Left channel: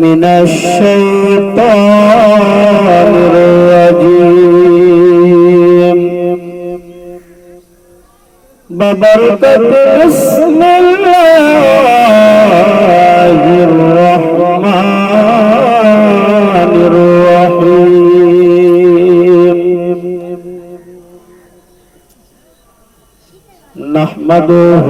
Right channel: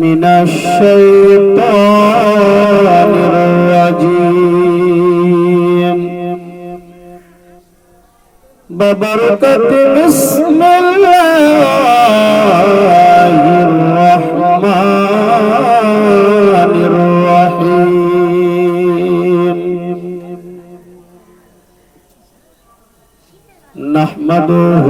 من الشيطان الرجيم ببركة بسم الله الرحمن الرحيم نحمده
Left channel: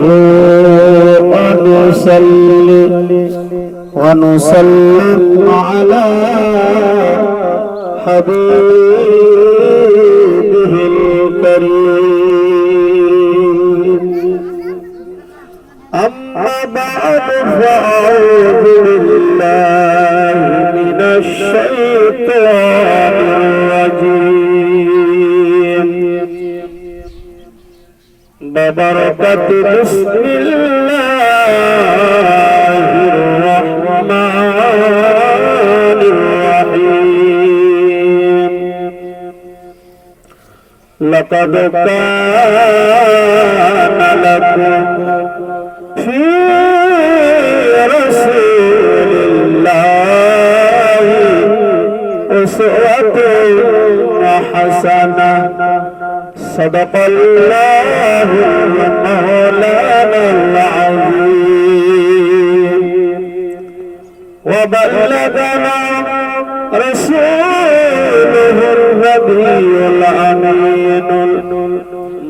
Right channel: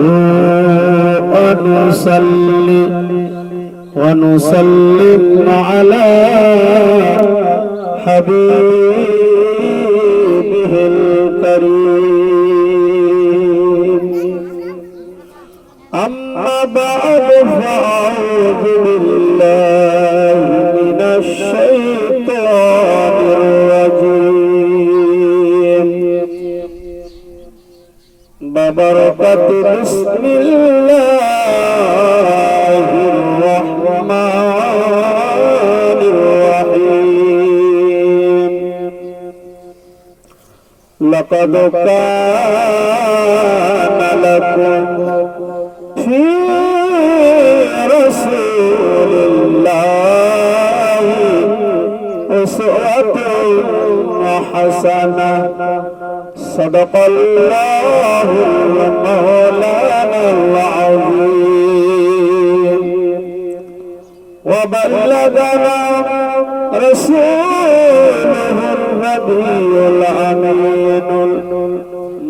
ونسلم على حبيبه الكريم أما بعد فأعوذ بالله من الشيطان الرجيم ببركة بسم الله الرحمن الرحيم لقد كان لكم في رسول الله أسوة حسنة صدق الله مولانا العظيم وبلغنا رسوله النبي الأمين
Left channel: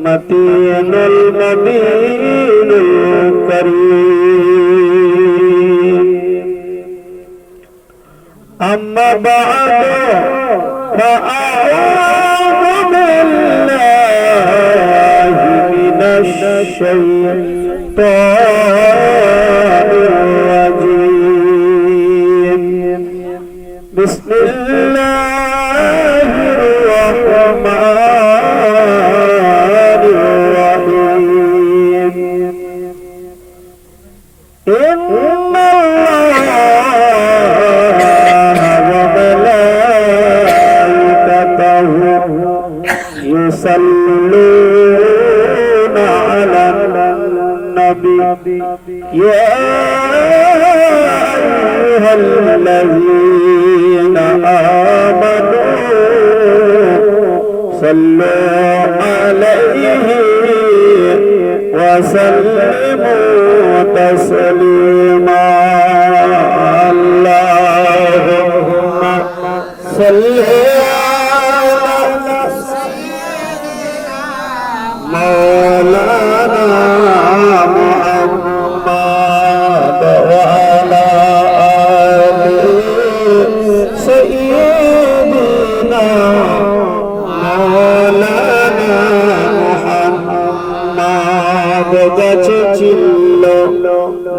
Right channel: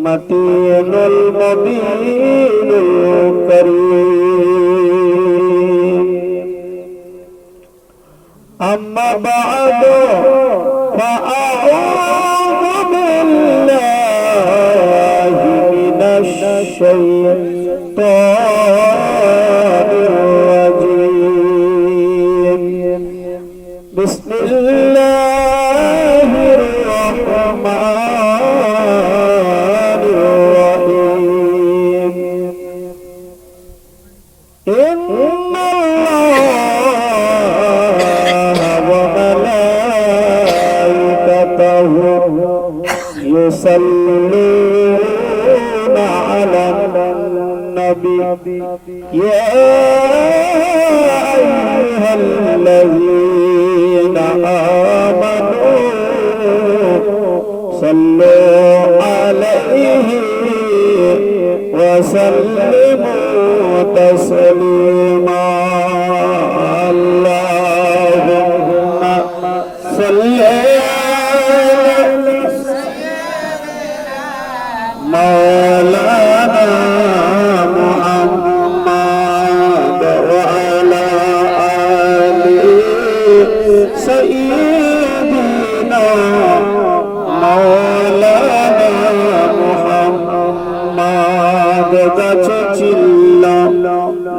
المتين المبين الكريم أما بعد فأعوذ بالله من الشيطان الرجيم بسم الله الرحمن الرحيم إن الله وملائكته يصلون على النبي يا أيها الذين آمنوا صلوا عليه وسلموا تسليما اللهم صل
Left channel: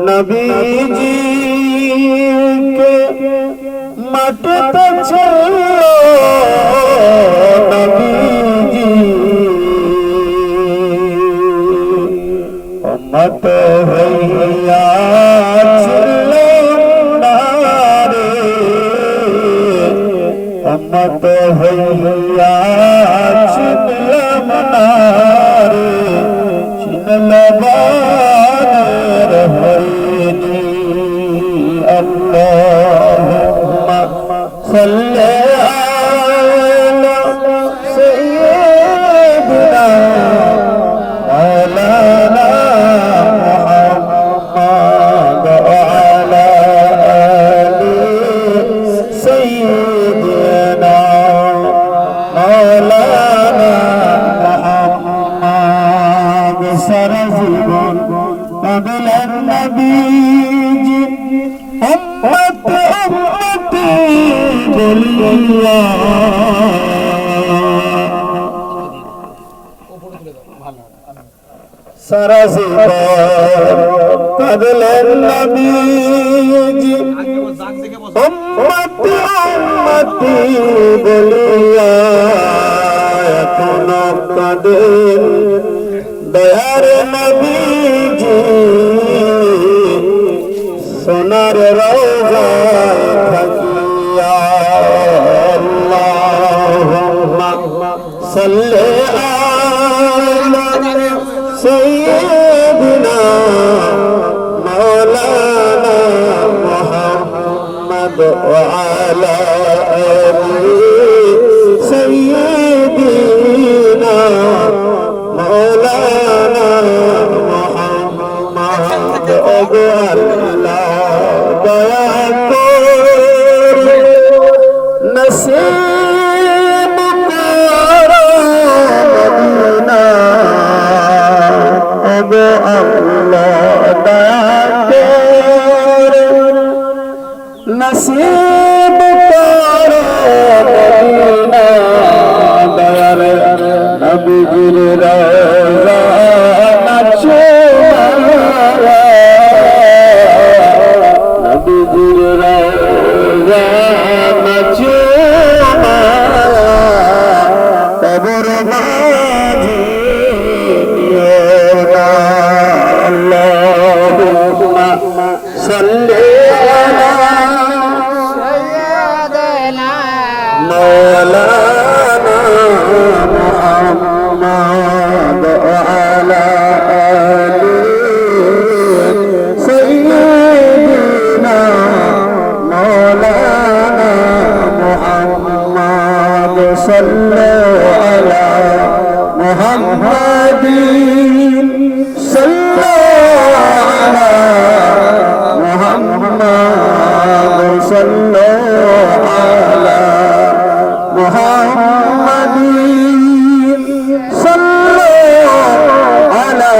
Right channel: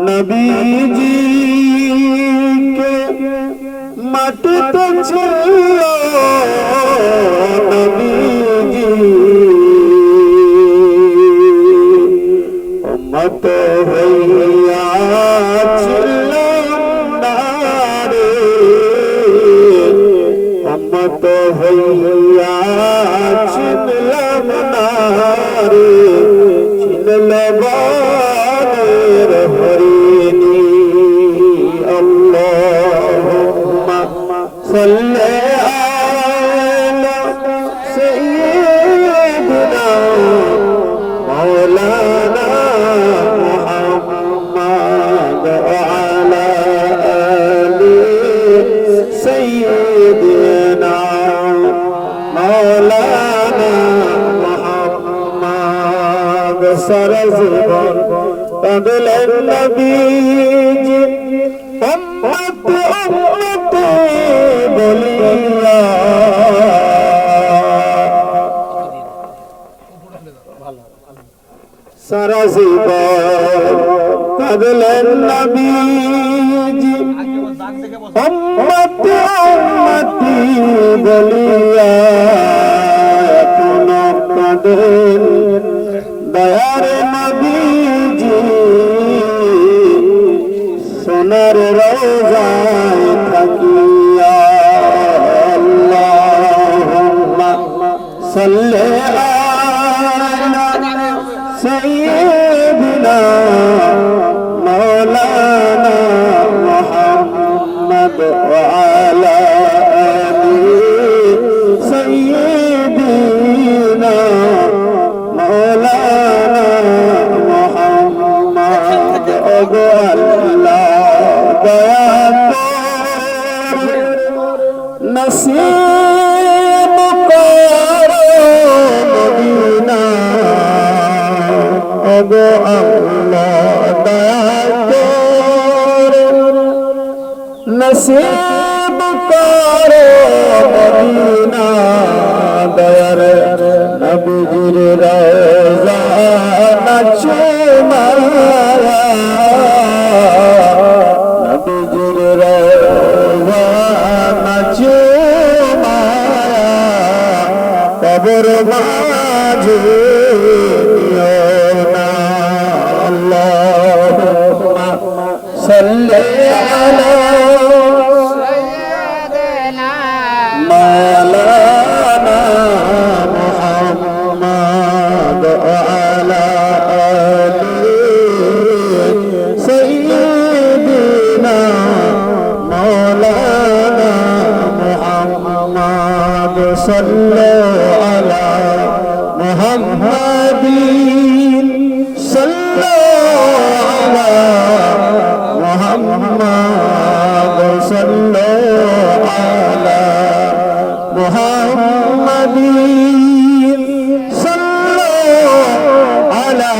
नबीजी के मत तो चलो नबीजी मत भैया चले नारे मत भैया चले नारे चले اللهم صل على سيدنا مولانا محمد وعلى آل سيدنا مولانا محمد سرزبان قبل النبي বলিয়া সারা জীবন কাঁদলেন নবীজি উম্মতি উম্মতি বলিয়া এখনো কাঁদেন দয়ার নবীজি সোনার রওজায় থাকিয়া আল্লাহুম্মা সাল্লি আলা সাইয়্যিদিনা মাওলানা মুহাম্মদ وعلى آل سيدنا مولانا محمد الله دیا نصیب کرو مدینہ اگو اللہ نصیب کرو مدینہ در نبی روزہ نچمارا نبی روزہ نچمارا قبر باجینا اللہم صلی مولانا محمد وعلى آل سيدنا مولانا محمد صلوا على محمد صلوا على محمد صلوا على محمد صلوا على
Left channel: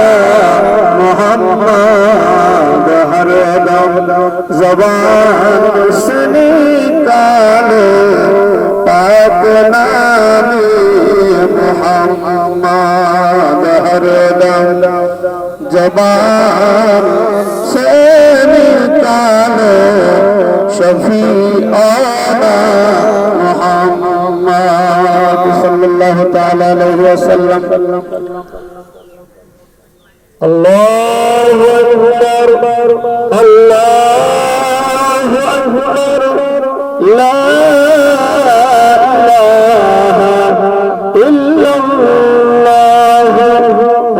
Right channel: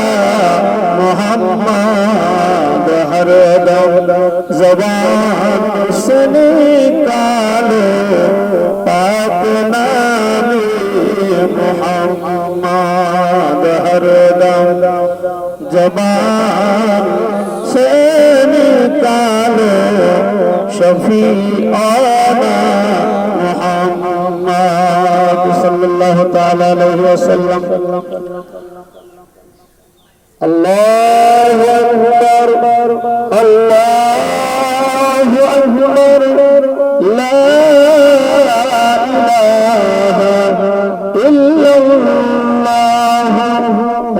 محمد ہر دم زبان سے نکالو پاک نام محمد ہر دم زبان سے نکالو شفیعنا محمد صلی اللہ تعالی علیہ وسلم اللہ اکبر اللہ اکبر لا الہ الا اللہ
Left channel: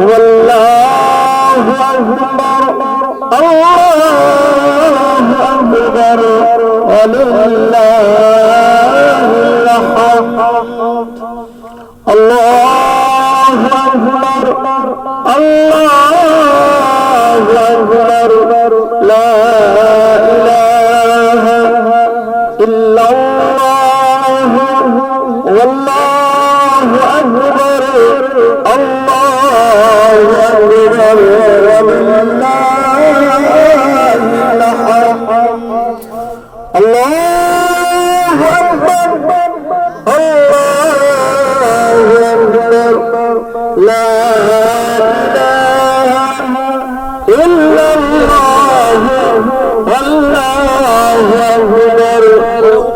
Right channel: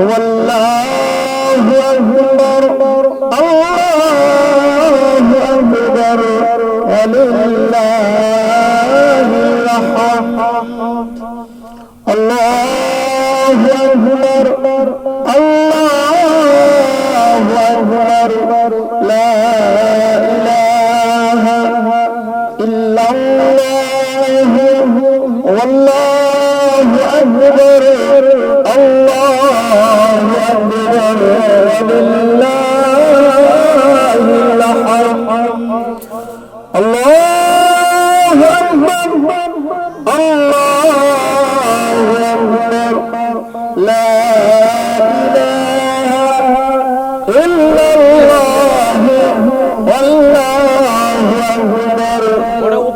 واللہ اکبر اللہ اکبر وللہ الحمد اللہ اکبر اللہ اکبر لا الہ الا اللہ واللہ اکبر اللہ اکبر وللہ الحمد اللہ اکبر اللہ اکبر لا الہ الا اللہ واللہ اکبر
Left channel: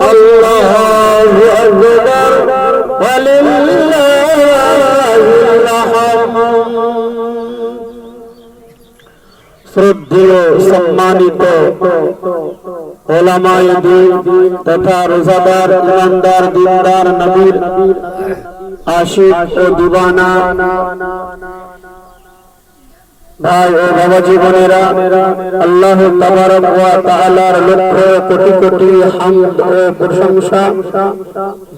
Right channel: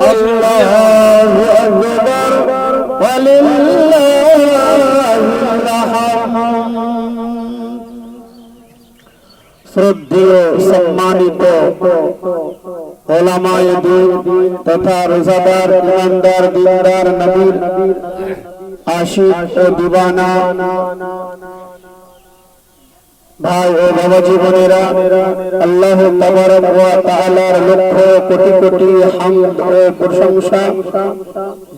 اللہ اکبر وللہ الحمد শ্রদ্ধেয় সম্মানিত ওলামায়ে দ্বীন তথা রোজাদার ইমানদার দিনদার নবীর আশিক ও দিওয়ানা ভাই ও বাবা জীবনেরা আল্লাহ তাবারক ওয়া তাআলার লক্ষ কোটি কোটি হামদ ও প্রশংসা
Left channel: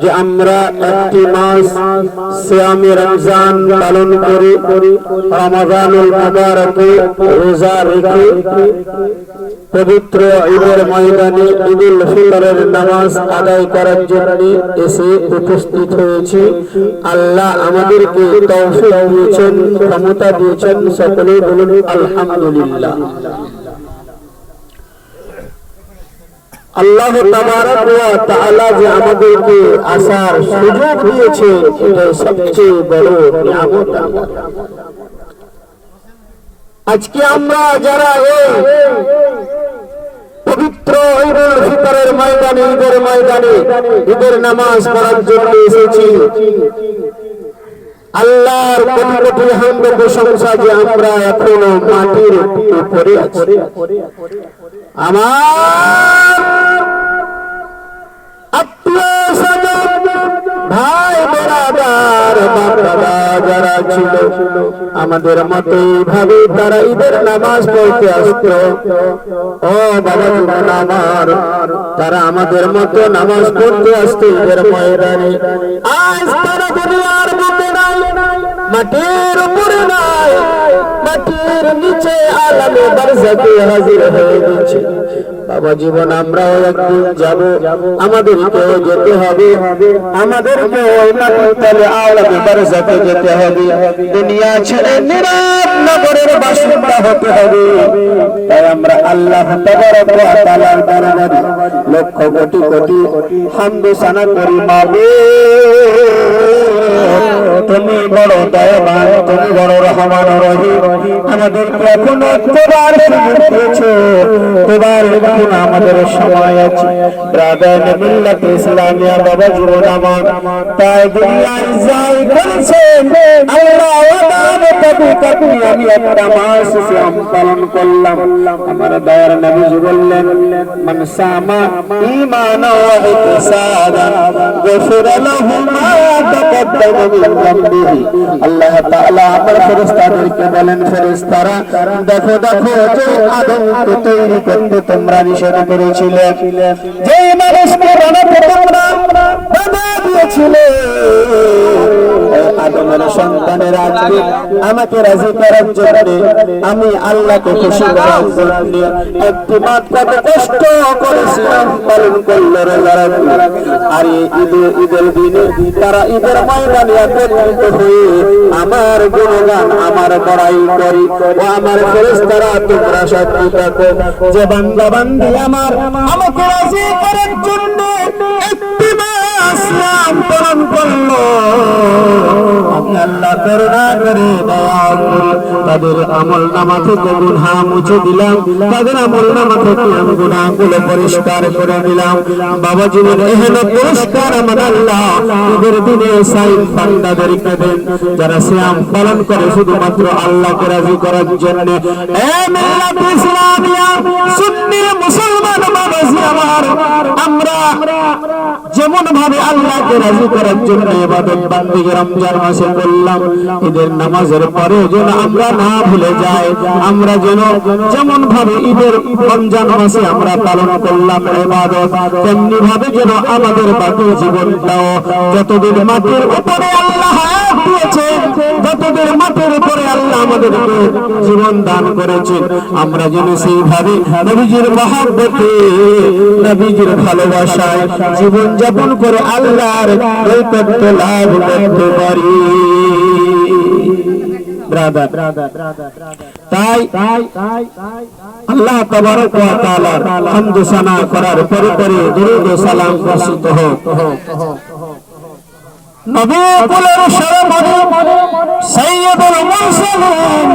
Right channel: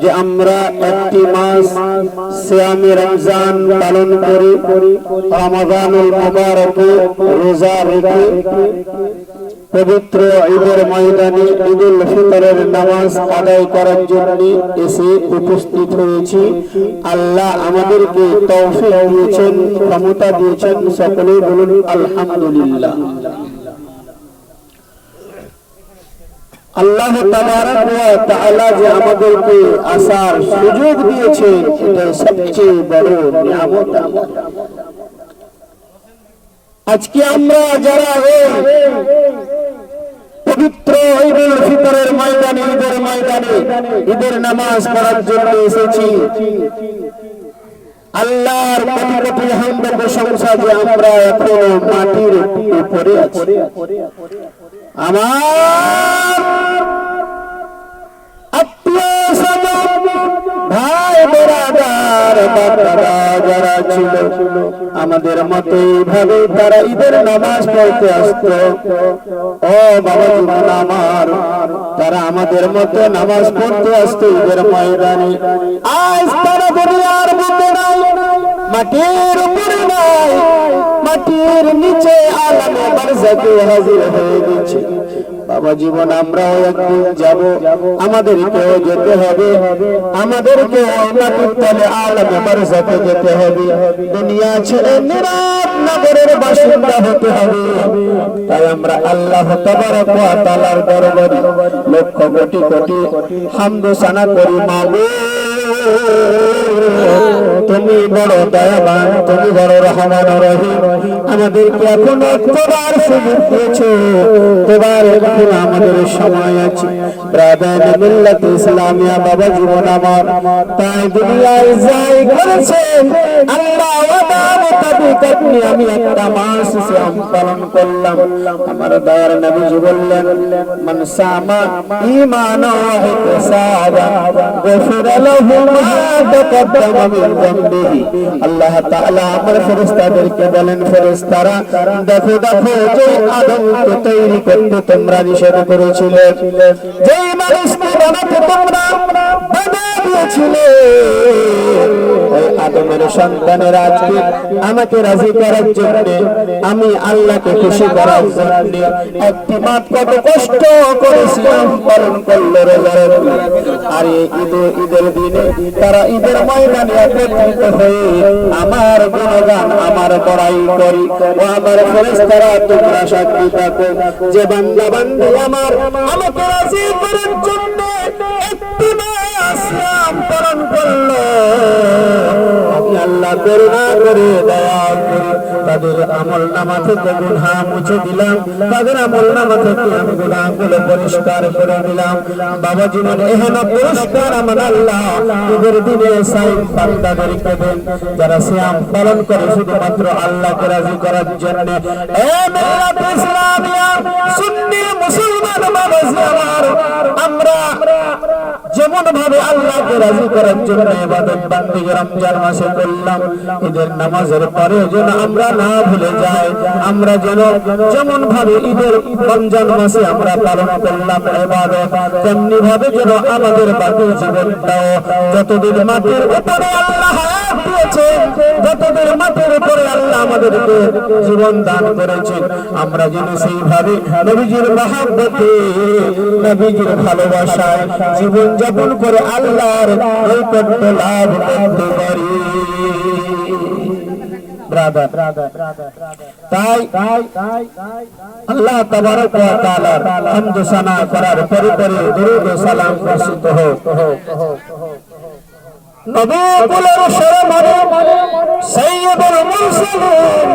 যে আমরা একটি মাস সিয়ামে রমজান পালন করি রমাদানুল মুবারকে রোজা রেখে পবিত্র ঈদের ময়দানে ঈদুল ফিতরের নামাজ আদায় করার জন্য এসে উপস্থিত হয়েছি। আল্লাহ আমাদেরকে তৌফিক দিয়েছেন, ক্ষমতা দিয়েছেন, সকলে বলুন আলহামদুলিল্লাহ। আল্লাহ তাবারক ওয়া তাআলা যে আমাদেরকে আসার সুযোগ দিয়েছেন এটা সবচেয়ে বড় নিয়ামত। আজকে আমরা যারা এই পবিত্র ঈদুল ফিতরের ময়দানে ঈদের নামাজ পড়ার জন্য এসেছি, আল্লাহর কোটি কোটি হামদ প্রশংসা যে আমরা এখনো মাটির উপরে আছি। আমার আত্মীয় স্বজন ভাই বেরাদার বাবা যারা ছিল আমাদের মতো এইভাবে তারা ঈদের নামাজ পড়তে আসতো। ও বাবা জীবন আমার, তারা আমাদের মতো নামাজ পড়তে আসতো ঈদের ময়দানে। আজ তারা দুনিয়ার বুকে নাই, মাটির উপরে নাই, মাটির নিচে আলামে বারজাকে হাজির হয়ে গেছে। বাবা জীবন আমরাও একদিন যাব, আমাদেরকেও যেতে হবে, আমাদেরকে ওই মাটির তলে আলামে বারজাকে যেতে হবে। দুনিয়া ছেড়ে নিরাপ নগরের বাসিন্দা হতে হবে। তাই আমরা আল্লাহ তাবারক ওয়া তাআলার দরবারে লক্ষ কোটি কোটি হামদ সানা করি। মাবুদ তুমি বড় দয়াবান, তুমি বড় রহমান রহিম। আমাদেরকে এখনো তোমার সুযোগ দিয়েছো, তোমার এখনো আমাদের সময় আছে। ব্রাদার মিল্লাত ইসলামিয়া বাবা জীবন আমার, তাই দুনিয়ায় যাই করেছে আল্লাহ আমি একটা মাস পালন করলাম। আমার দয়ার নবীজি বললেন, মান সামা ঈমানা ওয়া ইহতিসাবা গফিরা লাহু মা তাকাদ্দামা মিন যামবিহি। আল্লাহ তাআলা আমার ফেরেশতাদেরকে বলেন, ফেরেশতারা দেখো দেখো, যে আদমকে তৈরি করতে তোমরা নিষেধ করেছিলে, যে মানুষকে বানাতে তোমরা বাধা দিয়েছিলে, আদমের সন্তানের আজকে আমাকে রাজি করার জন্য, আমি আল্লাহকে খুশি করার জন্য একটি মাঠ কত কষ্ট করেছি পালন করলো রোজা রাখলো। আর ঈদের দিনে তারা ঈদের ময়দানে একত্রিত হয়ে আমার গুণগান, আমার বড়াই করি। আমার ফেরেশতারা তোমরা সাক্ষী থাকো, যে বান্দা বান্দি আমার আমাকে রাজি করার জন্য একটি মাস পালন করলো, আল্লাহ করুণা করে দয়া করে তাদের আমল নামা থেকে গুনাহ মুছে দিলাম, তাদের আমল নামা থেকে গুনাহগুলো পরিষ্কার করে দিলাম। বাবা জীবন এহেন পুরস্কার আমার আল্লাহ ঈদের দিনে সাইদ বান্দাদেরকে দেন, যারা সিয়াম পালন করে শুধুমাত্র আল্লাহকে রাজি করার জন্য। এ মিল্লাত ইসলামিয়া সুন্নি মুসলমান মানুষ আমার, আমরা যেমন ভাবে আল্লাহকে রাজি করার জন্য ইবাদত বান্দেগি রমজান মাসে করলাম, ঈদের নামাজের পরে যেন আমরা না ভুলে যাই। আমরা যেন যেমন ভাবে ঈদের রমজান মাসে আমরা পালন করলাম ইবাদত, তেমনি ভাবে যেন আমাদের বাকি জীবনটাও যতদিন মাটির উপরে আল্লাহ হায়াত দিয়েছেন, যতদিন মাটির উপরে আল্লাহ আমাদেরকে জীবন দান করেছেন, আমরা যেন সেইভাবে নবীজির মহব্বতে, নবীজির ভালোবাসায় জীবন যাপন করে আল্লাহর নৈকট্য লাভ করতে পারি। তাই আল্লাহ তাবারক ওয়া তাআলার হামদ সানা করার পরে পরে দরুদ ও সালাম বর্ষিত হোক নবী কুলের শরমনে সাইয়্যিদুল মুরসালিন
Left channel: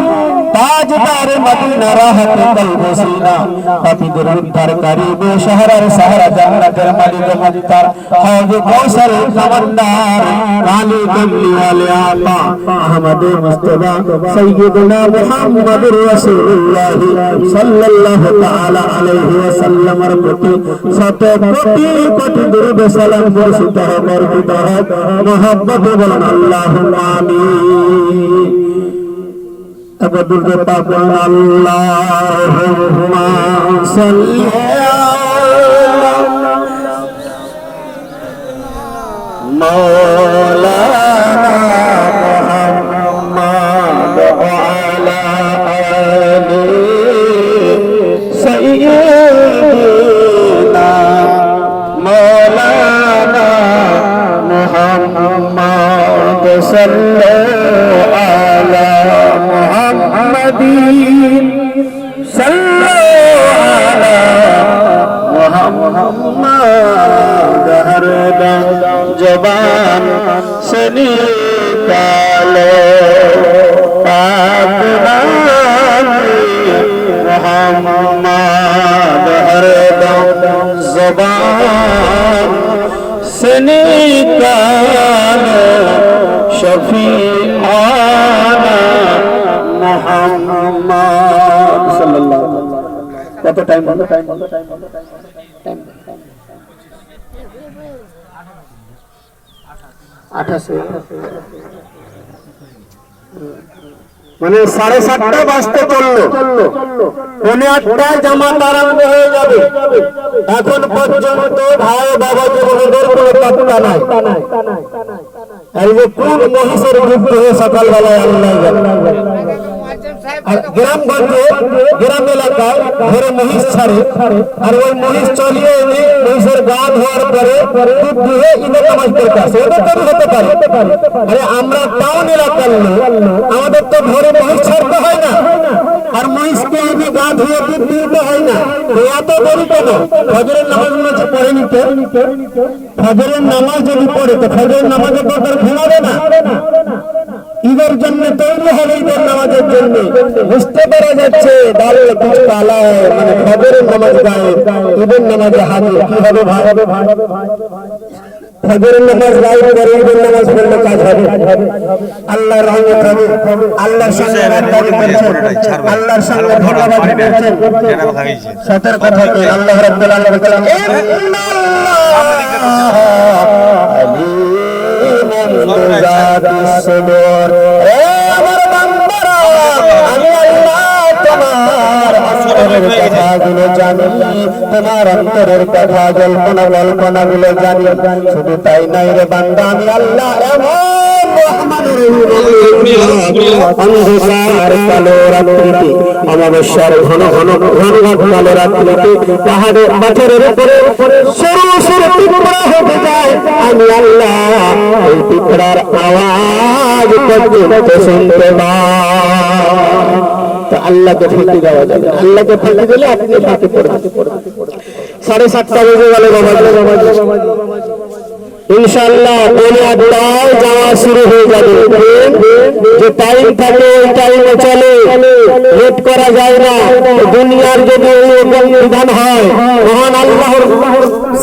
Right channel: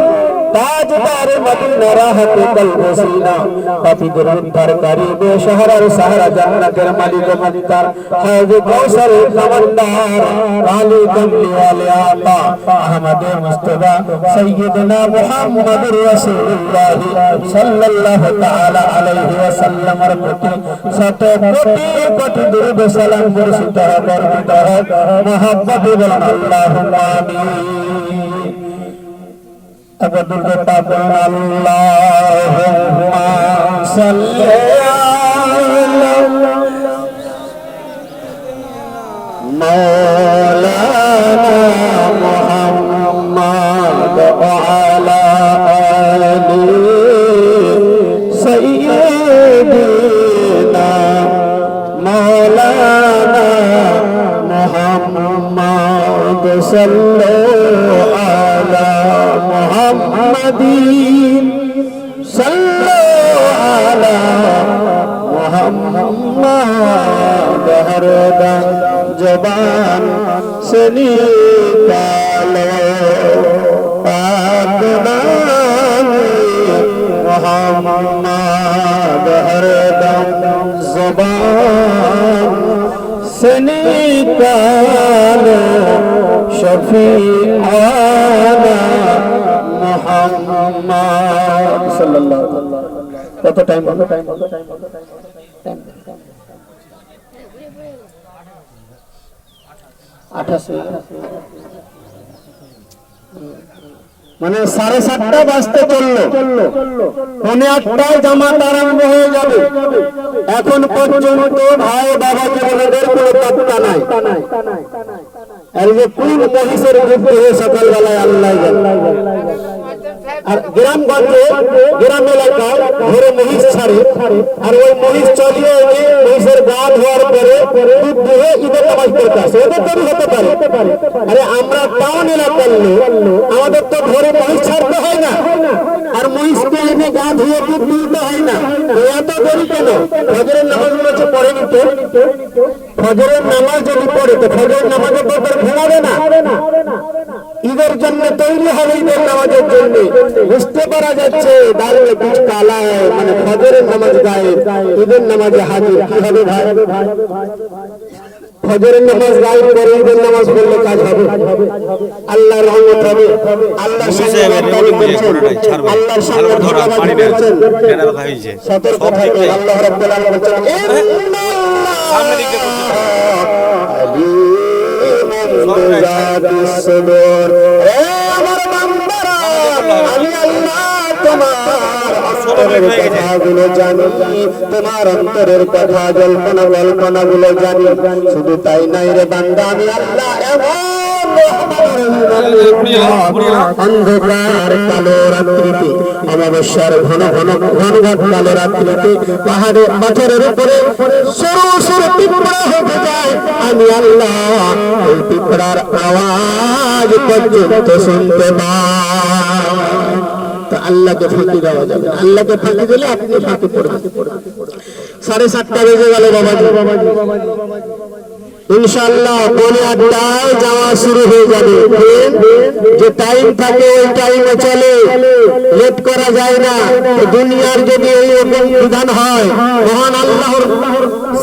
তাজদার মদিনা রাহতে কলব সিনা পাপীদের উদ্ধারকারী বেশহরার সাহারা জান্নাতের মালিক মুক্তার হাউজ কাউসার খবরদার কালী কমলি ওয়ালে আকা আহমদ মুস্তাফা সাইয়্যিদুনা মুহাম্মদুর রাসূলুল্লাহ সাল্লাল্লাহু তাআলা আলাইহি ওয়াসাল্লামের প্রতি শত কোটি কোটি দরুদ ও সালাম বর্ষিত হোক, বর্ষিত হোক। মোহাম্মদ বলেন আল্লাহুম্মা আমিন। এবার দুর্গে পাপন আল্লাহুম্মা সাল্লি আলা মাওলানা মুহাম্মদ ওয়া আলা আলি সাইয়্যিদিনা মাওলানা মুহাম্মদ সাল্লাল্লাহু আলা মুহাম্মাদিন সাল্লাল্লাহু আলা মুহাম্মাদ হরদা জবান से निकालो पाक नाम मुहम्मद हरदम ज़बान से निकालो शफीआना मुहम्मद सल्लल्लाहु अलैहि वसल्लम। कत टाइम হলো? टाइम 28 মানে 7:30 বাজতে চললো, 8:30টায় জামাত আরম্ভ হয়ে যাবে। এখন পর্যন্ত ভাই বাবা যুবকদের কোনো পাত্তা নাই। আর যে কোন মহিষের যুদ্ধ হয়ে সকালবেলায় আল্লাহ জানে। আর গ্রামগঞ্জে গ্রাম এলাকায় ঘরে মহিষ ছাড়ে, আর ওই মহিষ চলিয়ে এনে মহিষের গা ধোয়ার পরে দুধ দুহে ঈদের নামাজ পড়তে আসে। ওদের তৈরি হতে পারে। আরে আমরা টাউন এলাকার লোক, আমাদের তো ঘরে মহিষ ছাড়তে হয় না, আর মহিষকে এনে গা ধুয়ে দুধ দিতে হয় না। এত দেরি কেন? ফজরের নামাজ মনে পড়ে নিতে, ফজরের নামাজ যদি পড়ে তো ফজরের নামাজের পর তার ঘুমাবে না। ঈদের জন্য তৈরি হবে, ঈদের নামাজের জন্য। বুঝতে পারা যাচ্ছে দাঁড়ে কিছু কালা মানে ফজরের নামাজ গায়ে, ঈদের নামাজে হাজির কি হবে ভাই? ফজরের নামাজ গায়ে করে ঈদের নামাজ পড়লে কাজ হবে। আল্লাহর রহমত হবে, আল্লাহর সঙ্গে গাদ্দারি করছেন, আল্লাহর সঙ্গে ধোঁকাবাজি করছেন, সতর্ক থাকবে। আল্লাহ রাব্বুল আলামিন বলেন তোমার অন্তরের কথা জল্পনা কল্পনা গুলো জানি। শুধু তাই নাই রে বান্দা, আমি আল্লাহ অন্ধকার কালো রাত্রিতে, অমাবস্যার ঘন ঘন ঘন কালো রাত্রিতে পাহাড়ের পাথরের উপরে সরু সরু পিঁপড়া হেঁটে যায়। আমি আল্লাহ ওই পিঁপড়ার আওয়াজ পর্যন্ত শুনতে পাই। তো আল্লাহকে ফাঁকি দেওয়া যাবে, আল্লাহকে ফাঁকি দিলে আপনি ফাঁকি পড়বেন। 7:30 বেজে গেল বাবা, ইনশাআল্লাহ 8টায় যাওয়া শুরু হয়ে যাবে। যে টাইম থাকে ওই টাইমে চলে, লেট করা যায় না। দুনিয়ার যদি এই বিধান হয় তখন আল্লাহর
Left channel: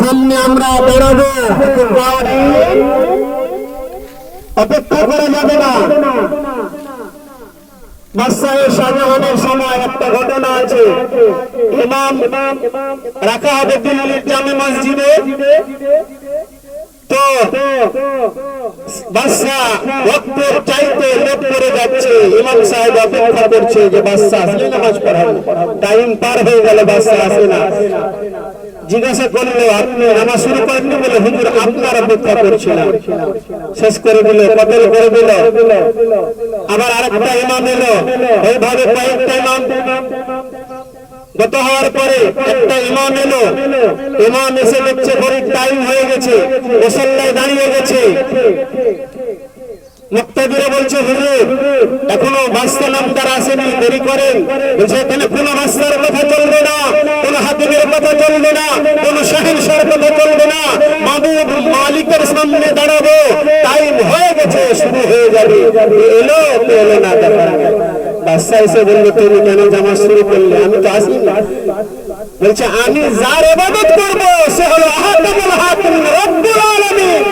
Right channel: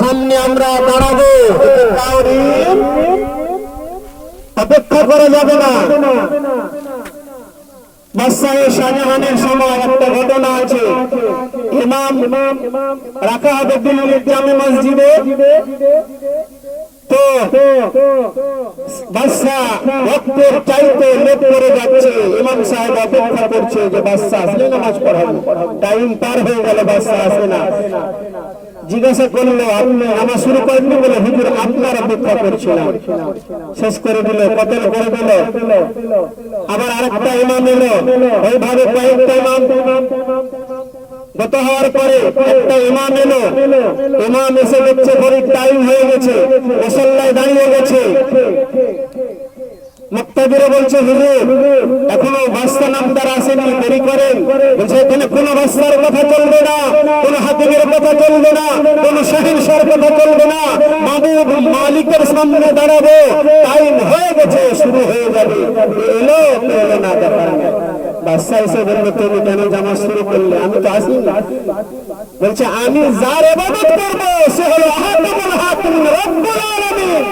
সামনে আমরা দাঁড়াবো, অপেক্ষা করা যাবে না। বাদশাহ শাহজাহানের সময় একটা ঘটনা আছে। ইমাম রাখা হবে দিল্লির জামে মসজিদে। তো বাদশাহ ভক্তের চাইতে লেট করে যাচ্ছে। ইমাম সাহেব অপেক্ষা করছে যে বাদশাহ আসলে নামাজ পড়াবো। টাইম পার হয়ে গেল, বাদশাহ আসে না। জিজ্ঞাসা করলো আপনি নামাজ শুরু করেননি? বলে হুজুর আপনার অপেক্ষা করছিলাম। শেষ করে দিল, কতল করে দিল। আবার আরেকটা ইমাম এলো, এইভাবে কয়েকটা ইমাম গত হওয়ার পরে একটা ইমাম এলো। ইমাম এসে দেখছে ঘড়ির টাইম হয়ে গেছে, মুসল্লায় দাঁড়িয়ে গেছে। মুক্তাদিরে বলছে হুজুর এখনো বাদশা নামদার আসেনি, দেরি করেন। বলছে এখানে কোনো বাদশার কথা চলবে না, কোনো হাকিমের কথা চলবে না, কোনো শাহিনশার কথা চলবে না। মাহবুব মালিকের সামনে দাঁড়াবো, টাইম হয়ে গেছে, শুরু হয়ে যাবে। এলো এলো না, দেখা বাদশা এসে বললো তুমি কেন জামাত শুরু করলে? আমি তো আসি না। বলছে আমি যার ইবাদত করবো সে হলো আহাদুল হাকিম রব্বুল আলামিন,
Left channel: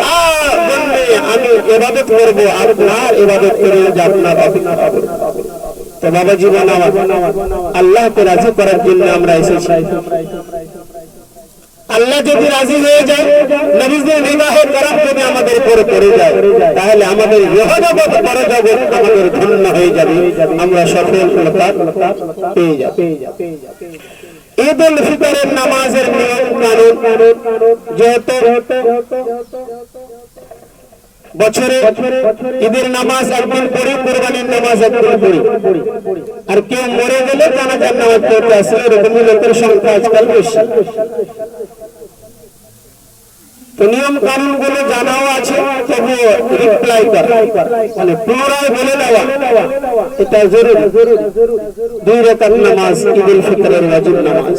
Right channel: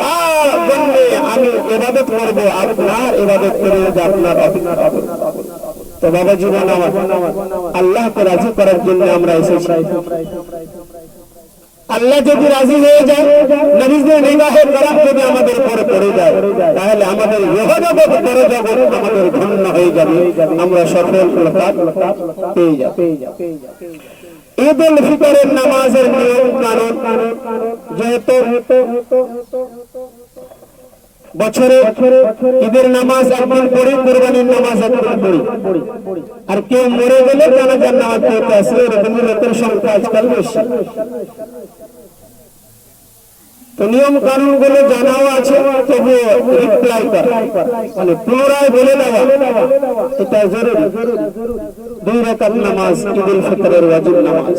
তার জন্য আমি ইবাদত করবো, আপনার ইবাদত করে যাব না। তো বাবা জীবন আল্লাহকে রাজি করার জন্য আমরা এসেছি। আল্লাহ যদি রাজি হয়ে যায়, নবীদের বিবাহের কারণ যদি আমাদের উপরে পড়ে যায়, তাহলে আমাদের ইহজগৎ পরজগৎ আমাদের ধন্য হয়ে যাবে, আমরা সফলতা পেয়ে যাব। ঈদ উল ফিতরের নামাজের নিয়ম কানুন, যেহেতু বছরে ঈদের নামাজ একদিন পড়ি, কুরবানির নামাজ একদিন পড়ি। আর কেউ মরে গেলে জানাজার নামাজ পড়তে আসলে এরকম লোকের সংখ্যা আজকাল বেশি। তো নিয়ম কানুন গুলো জানাও আছে, তবুও রিপ্লাই করা মানে পুনরায় বলে দেওয়া এটা জরুরি। 2 রাকাত নামাজ ঈদ উল ফিতরের ওয়াজিব নামাজ।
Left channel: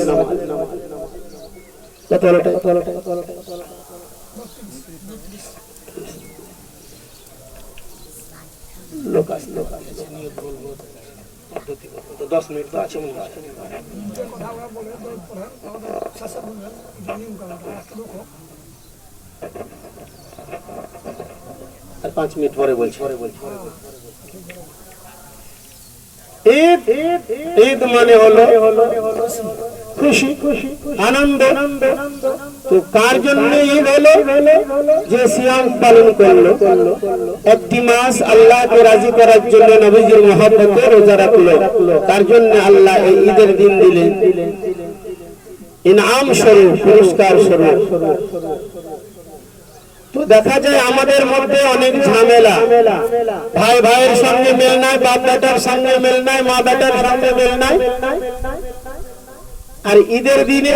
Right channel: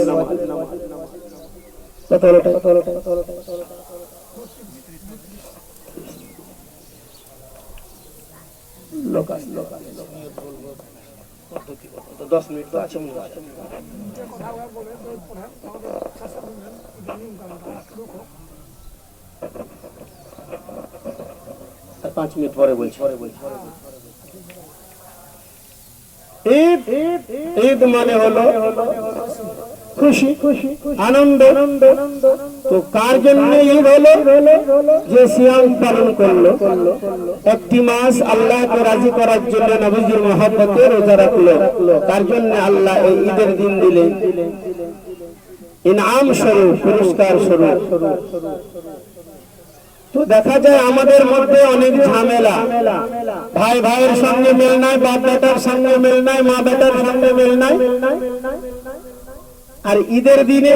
তো 10 মিনিট তো আছে মনে হয়। আর 5 মিনিট পরে বলছি। ঈদ ঈদ মানে হলো খুশি আনন্দ। তো কার জন্য ঈদ হলো? যে সিয়াম পালন করলো, একটি মাস আল্লাহকে রাজি করার জন্য নবীজির মহব্বতে রোজা রাখলো, তার জন্য আল্লাহ এই ঈদের দিন দিলেন ইনাম স্বরূপ, পুরস্কার স্বরূপ। তো দেখা যায় আমাদের মধ্যে অনেক ঝামেলা, ভাই ভাইয়ের সঙ্গে মেল নাই, বাপ বেটার সঙ্গে মেল নাই, মা বেটার সঙ্গে মেল নাই। আর ঈদের দিনে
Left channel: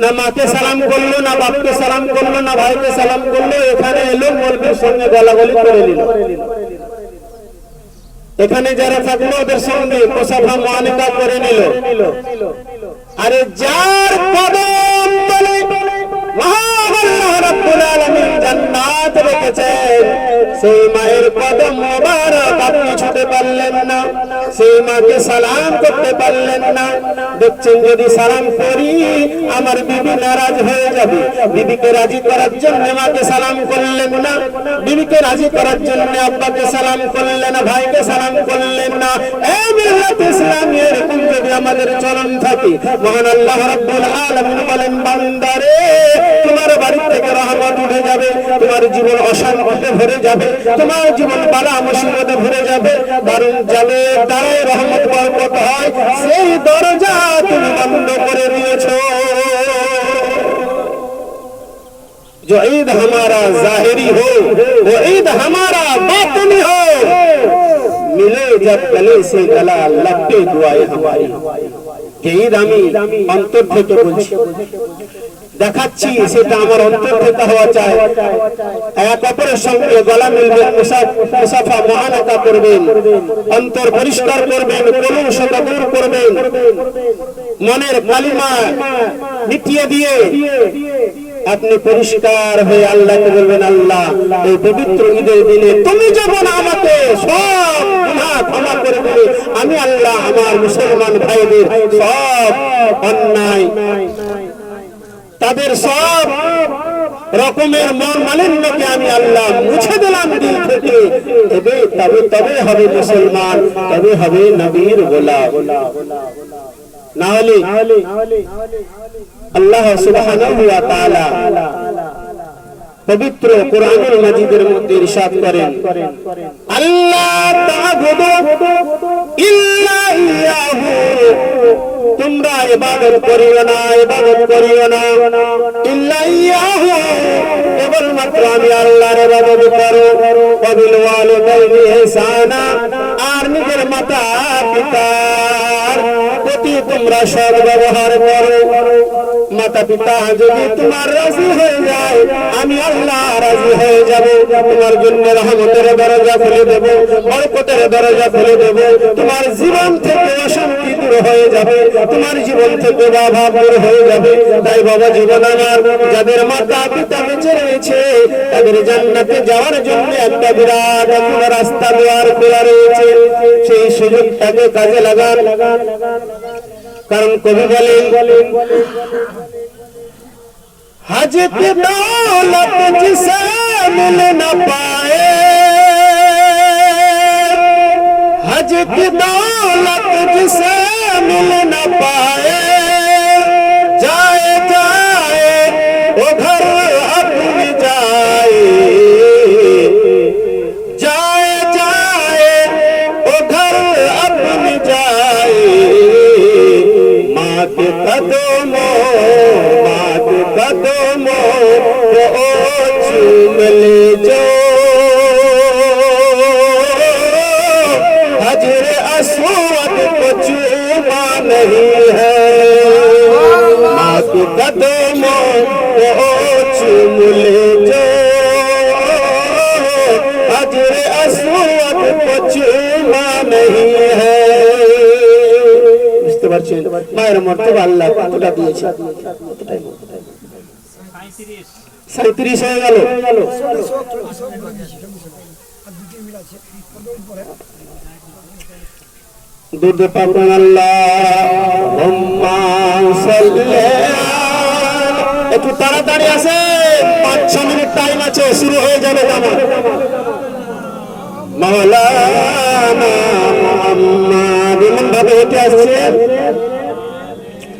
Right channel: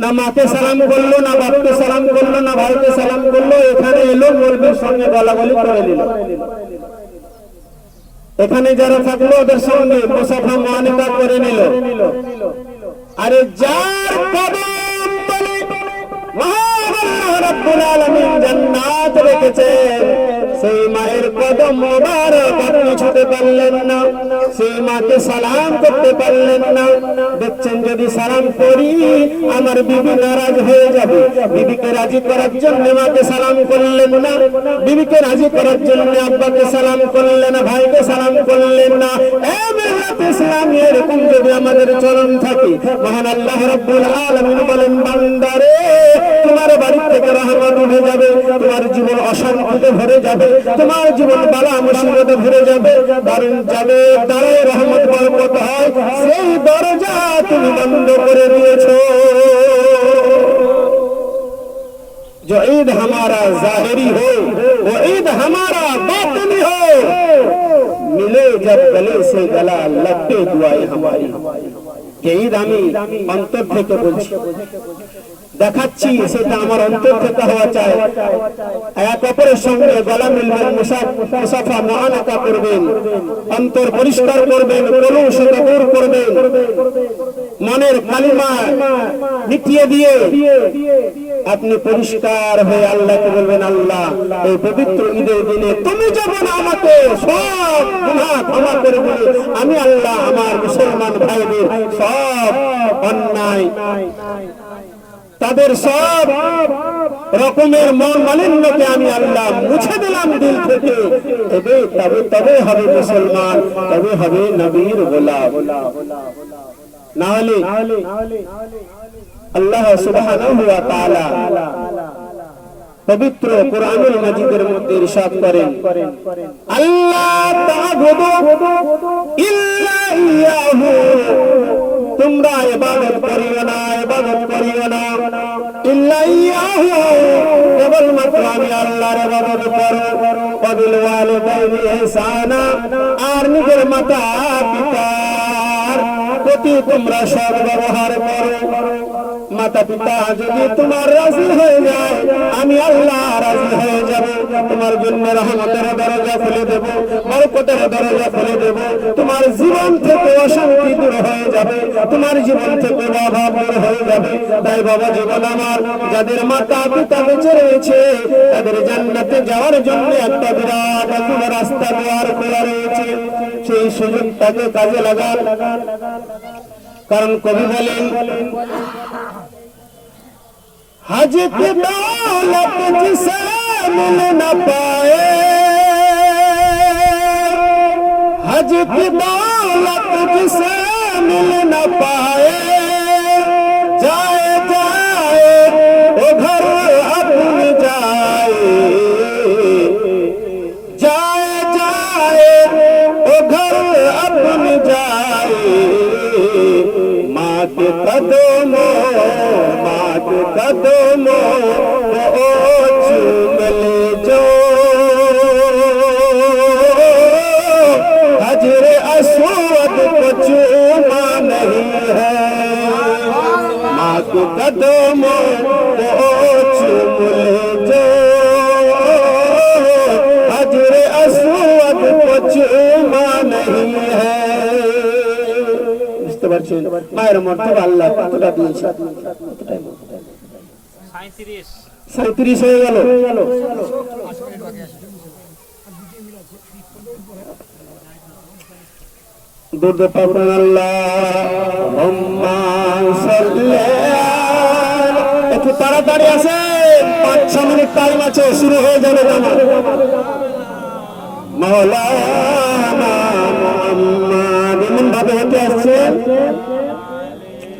না মাকে সালাম করলো, না বাপকে সালাম করলো, না ভাইকে সালাম করলো, এখানে এলো মৌলবীর সঙ্গে গলাগলি করে নিল। এখানে যারা থাকলো ওদের সঙ্গে মুসাফা মুআনাকা করে নিল। আরে যার কদম তলে মহান আল্লাহ রাব্বুল আলামিন জান্নাত রেখেছেন, সেই মায়ের কদম মোবারক আপনি ছুঁতে পারলেন না, সেই মাকে সালাম করতে পারলেন না। দেখছেন যদি সালাম করি আমার বিবি নারাজ হয়ে যাবে, বিবিকে রাজি করার জন্য মাকে সালাম করলেন না, বিবিকে রাজি করার জন্য আব্বাকে সালাম করলেন না, ভাইকে সালাম করলেন না। এই মিল্লাত ইসলামী এরকম যদি আমাদের চলন থাকে, মহান আল্লাহ রাব্বুল আলামিন বলেন, বান্দারে তোমার বাড়ি থেকে রহমত উঠে যাবে, তোমার জীবন অশান্তিতে ভরে যাবে, তোমার জীবন বালা মুসিবতে ভরে যাবে। দারুন যাবে দ্বারাই রহমত বরকত হয়, সেই দরজা তুমি বন্ধ করে দিয়েছো। जो ईद हमारा जाहिरी हो वो ईद हमारा बातिनी हो, मिले जब गले से गला लपटे दुआएं हमारी। যে ঈদ আমি অন্তর থেকে বলছি, দেখাচ্ছি সেটা আমার অন্তর থেকে হওয়া চাই। এক অপরের সঙ্গে গলা মিলবেন, মুসাফা মুআনাকা করবেন, অন্তর পরিষ্কার করবেন, কলুষতা দূর করবেন, মনের কালিমা মিটিয়ে দিয়ে আপনি পরিষ্কার হয়ে আল্লাহকে বলবেন, আল্লাহ এই পবিত্র ঈদের দিনে তুমি যখন আমাকে সব গুনাহ ক্ষমা করে দিলে, আমি আল্লাহ আমার মুসলমান ভাইদের সব অন্যায়, তাদের সব রকমের মন মালিন্যকে আমি আল্লাহ মুছে দিলাম দিল থেকে। তবে হবে মুসলমান, তবে হবে নবীর গোলাম। না হলে আল্লাহ সুবহানাহু ওয়া তাআলা পবিত্র কোরআনুল মাজিদের মধ্যে ইরশাদ করেন, আল্লাহ তা'বুদু ইল্লা ইয়াহু, তোমরা ইবাদত করিও না, ইবাদত করিও না ইল্লা ইয়াহু, কেবলমাত্র আমি আল্লাহর ইবাদত করো। ওয়াবিল ওয়ালিদাইনি ইহসানা, আর নিজের মাতা পিতার প্রতি তোমরা সৎ ব্যবহার করো। মাতা পিতা যদি তোমার রাজি হয়ে যায়, আমি আল্লাহ রাজি হয়ে যাব, তোমার জন্য রহমতের দরজা খুলে দেব, বরকতের দরজা খুলে দেব, তোমার জীবন থেকে অশান্তি দূর হয়ে যাবে, তোমার জীবন থেকে অভাব দূর হয়ে যাবে। তাই বাবা জীবন আমার, যাদের মাতা পিতা বেঁচে রয়েছে তাদের জান্নাতে যাওয়ার জন্য একটা বিরাট রাস্তা দুয়ার খোলা রয়েছে, সেই সুযোগটাকে কাজে লাগান। কারণ কবি বলেন, हज की दौलत जिसे मिल न पाए, हज की दौलत जिसे मिल न पाए, जाए जाए वो घर अपनी जाए, जाए जाए वो घर अपनी जाए, माँ के कदमों चूम ले जाओ, हजर अस्वद को चूमा नहीं है, माँ के कदमों को चूम ले जाओ, हजर अस्वद को चूमा नहीं है। বুঝতে পারছেন মায়ের মর্তবা আল্লাহ কতটা দিয়েছে, 37 হয়ে গেল। দুধ পাবেন আল্লাহুম্মা সাল্লি, একটু তাড়াতাড়ি আছে, 5-6 মিনিট টাইম আছে, শুরু হয়ে যাবে নামাজ। মাওলানা মুহাম্মদ এমন ভাবে হেঁটে আসছে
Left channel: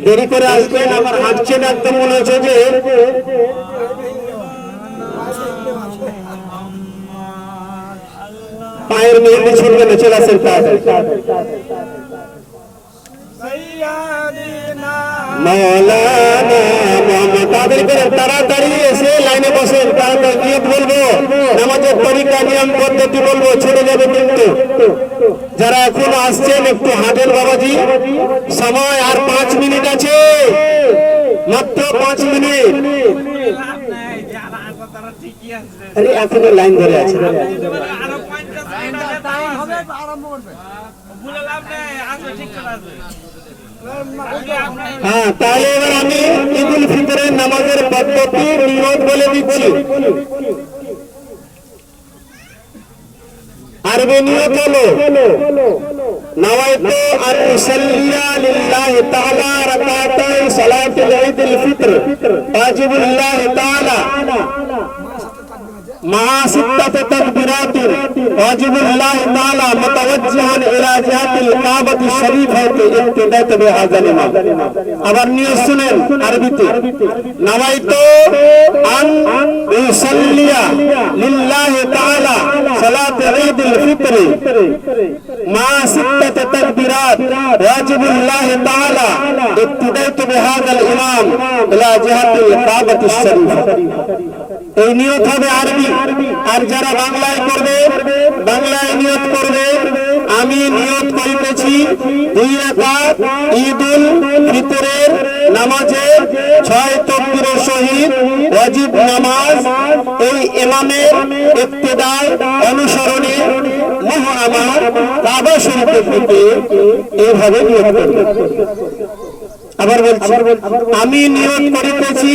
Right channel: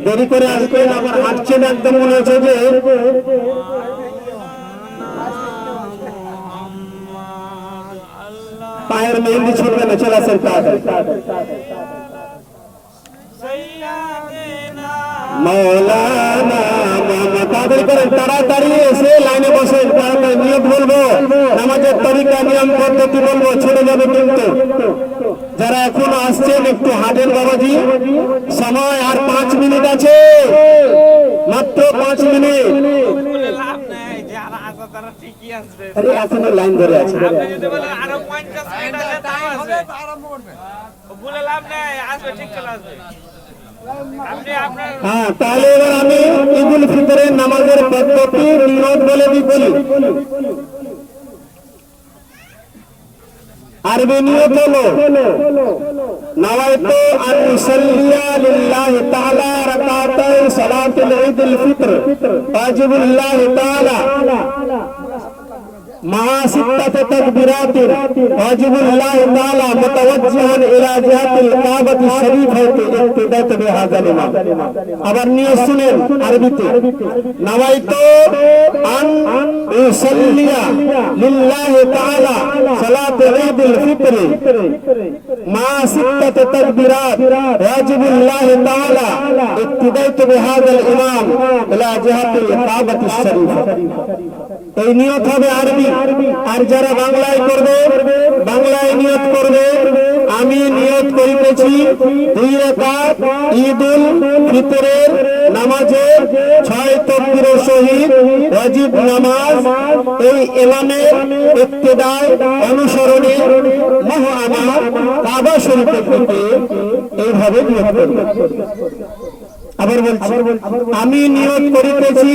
দেরি করে আসবেন, আবার হাঁটছেন একদম মনে হচ্ছে যে পায়ের মেহেন্দি ছুটবে না, চলে আসেন মৌলানা তাদেরকে তাড়াতাড়ি এসে লাইনে বসেন, নিয়ত বলবো, নামাজের তরিকা নিয়ম পদ্ধতি বলবো, ছেড়ে যাবে কিন্তু। যারা এখন আসছেন একটু হাঁটেন বাবাজি, সময় আর 5 মিনিট আছে, মাত্র 5 মিনিট। এখনো লাইন ধরে আছে, হ্যাঁ। তাহলে এবার আমি ঈদুল ফিতরের নামাজের পদ্ধতি নিয়ত বলে দিচ্ছি। আরবি নিয়ত হলো নওয়াইতু আন উসাল্লিয়া লিল্লাহি তাআলা রাকাতাই সালাতুল ঈদুল ফিতর ওয়াজিবুল্লাহি তাআলা مع 6 تكبيرات واجب الله تعالى متوجها الى جهه الكعبه الشريفه ابتداء بهذا الامام। আবার নিয়ত শুনেন আরবিতে, নাওয়াইতু আন উসাল্লিয়া লিল্লাহি তাআলা সালাতুল ঈদুল ফিতর مع 6 تكبيرات واجب الله تعالى ابتداء بهذا الامام الى جهه الكعبه الشريفه। এই নিয়ত হবে আরবি। আর যারা বাংলায় করবে, বাংলায় নিয়ত করবে, আমি নিয়ত করিতেছি 2 রাকাত ঈদুল ফিতরের নামাজের 6 তাকবীরের সহিত ওয়াজিব নামাজ, এই ইমামের ইক্তেদায় অনুসরণে আমার কাবা শরীফের দিকে এইভাবে নিয়ত করবে। আবার বলছি, আমি নিয়ত করিতেছি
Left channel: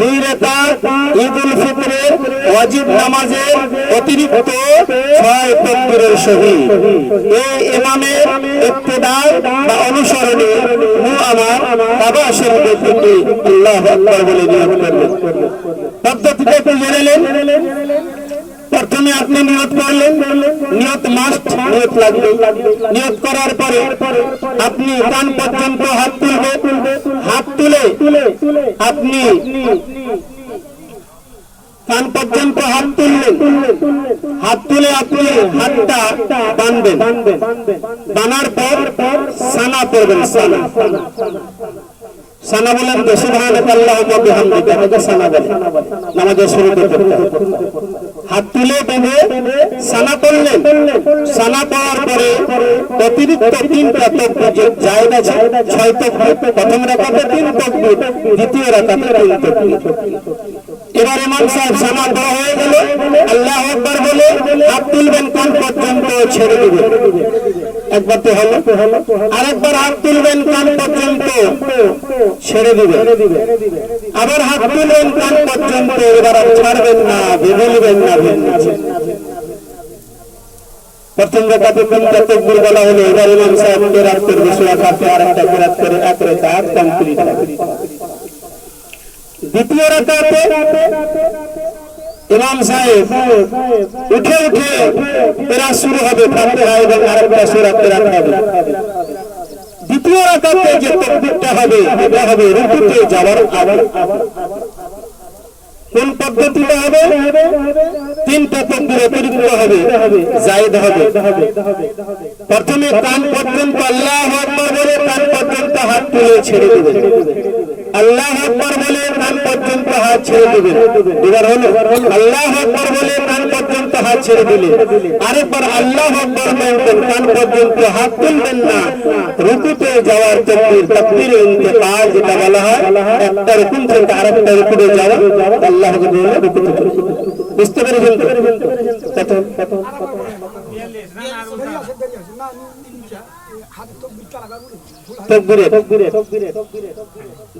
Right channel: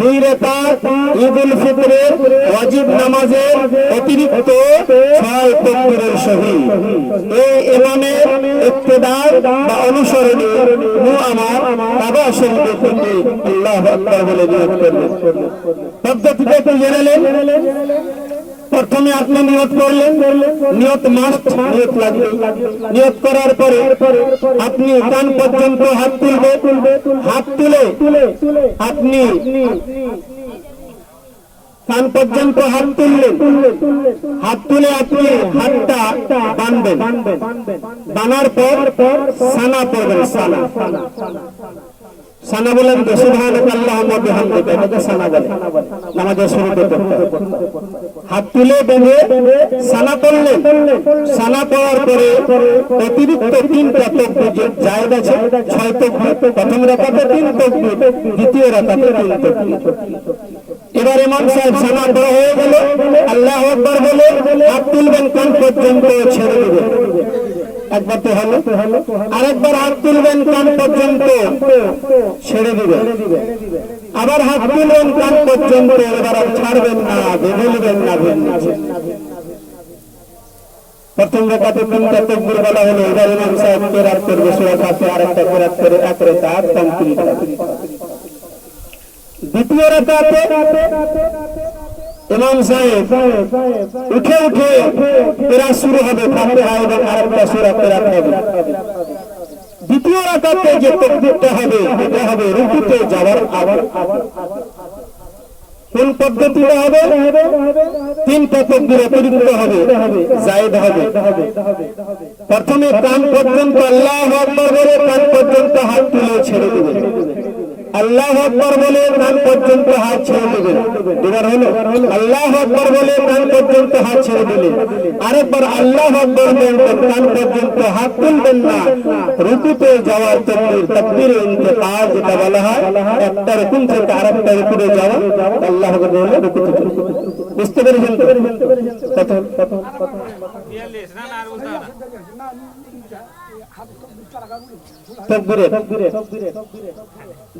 2 রাকাত ঈদুল ফিতরের ওয়াজিব নামাজের অতিরিক্ত 6 তাকবীরের সহিত এই ইমামের ইক্তেদায় বা অনুসরণে আমার কাবা শরীফের দিকে আল্লাহু আকবার বলে নিয়ত করবেন। পদ্ধতিটা একটু জেনে নেন। প্রথমে আপনি নিয়ত করলেন, নিয়ত মাস্ট, নিয়ত লাগবে। নিয়ত করার পরে আপনি কান পর্যন্ত হাত তুলবেন, হাত তুলে আপনি কান পর্যন্ত হাত তুললেন, হাত তুলে আপনি হাতটা বাঁধবেন, বাঁধার পর সানা পড়বেন, সানা সানা বলেন তো সুবহানাকা আল্লাহুম্মা বিহামদিকা, এটা সানা বলেন নামাজের শুরুতে। হাত তুলে বেঁধে সানা পড়লেন, সানা পড়ার পরে অতিরিক্ত 3টা তাকবীর জায়েজ আছে, 6 তাকবীর। প্রথম রাকাতে 3 তাকবীর, দ্বিতীয় রাকাতে 3 তাকবীর। এবার ইমাম সাহেব সানা পড়া হয়ে গেল, আল্লাহু আকবার বলে হাত তুলবেন, কান পর্যন্ত ছেড়ে দিবেন। একবার তো হলো, আরেকবার হাত তুলবেন, কান পর্যন্ত ছেড়ে দিবেন, আবার হাত তুলবেন, কান পর্যন্ত। এবার আর ছাড়বেন না, বেবলবেন না। প্রথম রাকাতে 3টা তাকবীর বলা হলো, এবার ইমাম সাহেব কিরাত করবে, সূরা ফাতিহা আরেকটা কিরাত করে 1 রাকাত কমপ্লিট হবে। দ্বিতীয় রাকাতে ইমাম সাহেব উঠে উঠে কিরাত শুরু হবে, ফাতিহা এবং আরেকটা সূরা কিরাত হবে। দ্বিতীয় রাকাতে যে তাকবীরটা হবে এটা হবে রুকুতে যাওয়ার আগে। কোন পদ্ধতিটা হবে? 3টা তাকবীর অতিরিক্ত হবে, জায়েদ হবে। প্রথমে কান পর্যন্ত আল্লাহু আকবার বলে কান পর্যন্ত হাত তুলে ছেড়ে দিবেন, আল্লাহু আকবার বলে কান পর্যন্ত হাত ছেড়ে দিবেন। এবার হলো আল্লাহু আকবার বলে কান পর্যন্ত হাত ছেড়ে দিলেন, আরেকবার আল্লাহু আকবার বলবেন, কান পর্যন্ত হাত তুলবেন না। রুকুতে যাওয়ার তাকবীর, তাকবীরে ইন্তেকাল যেটা বলা হয়, একটা রুকুন থেকে আরেকটা রুকুতে যাওয়া, আল্লাহু আকবার বলে রুকুতে যাওয়া। বুঝতে পেরেছেন তো?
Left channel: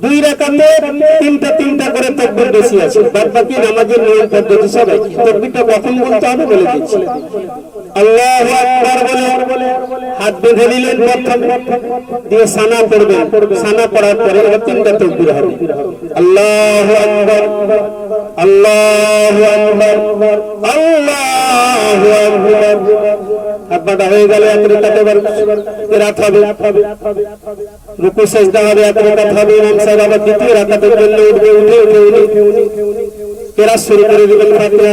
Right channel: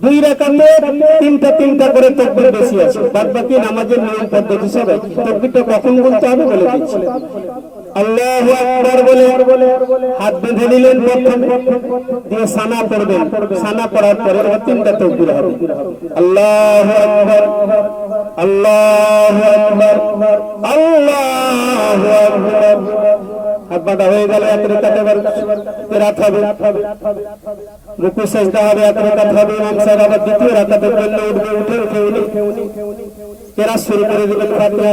দুই রাকাতে 3টা করে তাকবীর বেশি আছে, বাদ বাকি নামাজের নিয়ম পদ্ধতি সব একই। তাকবীরটা কখন বলতে হবে বলে দিচ্ছি। আল্লাহু আকবার বলে হাত বেঁধে নিলেন প্রথম, দিয়ে সানা পড়বেন, সানা পড়ার পরে এবার 3টা তাকবীর হবে। আল্লাহু আকবার, আল্লাহু আকবার, আল্লাহু আকবার, আব্বাটা হয়ে গেল এক রাকাত এবার কেরাত হবে রুকু সিজদা হবে এক রাকাত হবে ইমাম সাহেব আবার দ্বিতীয় রাকাতের জন্য উঠবে উঠে কেরাত শুরু করে দিবেন ফাতিহা